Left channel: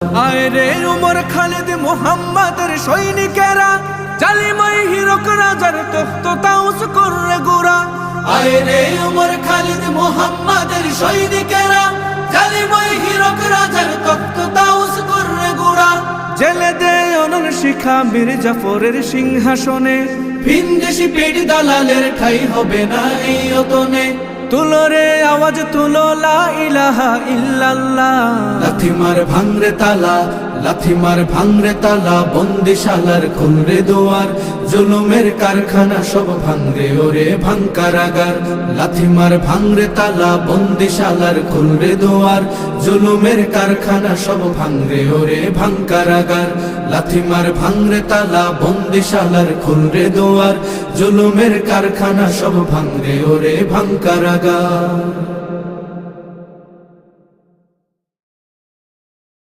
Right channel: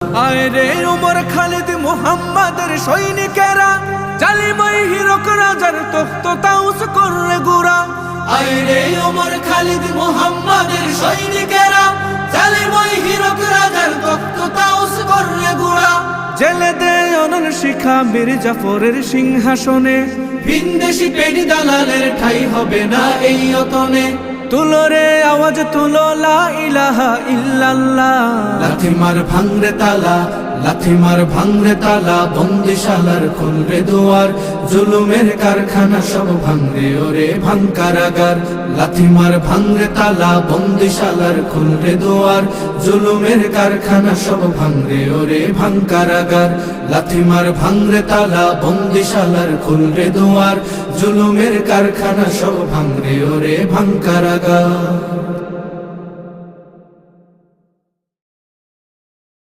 আয় রে উমর খালিদ মুহাম্মাদের সৈনিকেরা, জালিমাই হিরক রাজার তখ্ত তাউস করে গুড়া। আয় রে উমর খালিদ মুহাম্মাদের সৈনিকেরা, জালিমাই হিরক রাজার তখ্ত তাউস করে গুড়া। জেলে দে অনল শিখা বীর জাফরের সিংহাসনে, ভিনদেশি পেট দালালের ঠাই হবে না এই অতনে। তুলো রে আওয়াজ তুলো লা ইলাহা ইল্লাল্লাহ। লাথি মার ভাঙরে তালা, লাথি মার ভাঙরে তালা, বন্দিশালার খুলরে দুয়ার, জুলুমের কারখানা সব ভাঙরে ওরে ভাঙ কারাগার। লাথি মার ভাঙরে তালা, বন্দিশালার খুলরে দুয়ার, জুলুমের কারখানা সব ভাঙরে ওরে ভাঙ কারাগার। লাথি মার ভাঙরে তালা, বন্দিশালার খুলরে দুয়ার, জুলুমের কারখানা সব ভাঙরে ওরে ভাঙ কারাগার।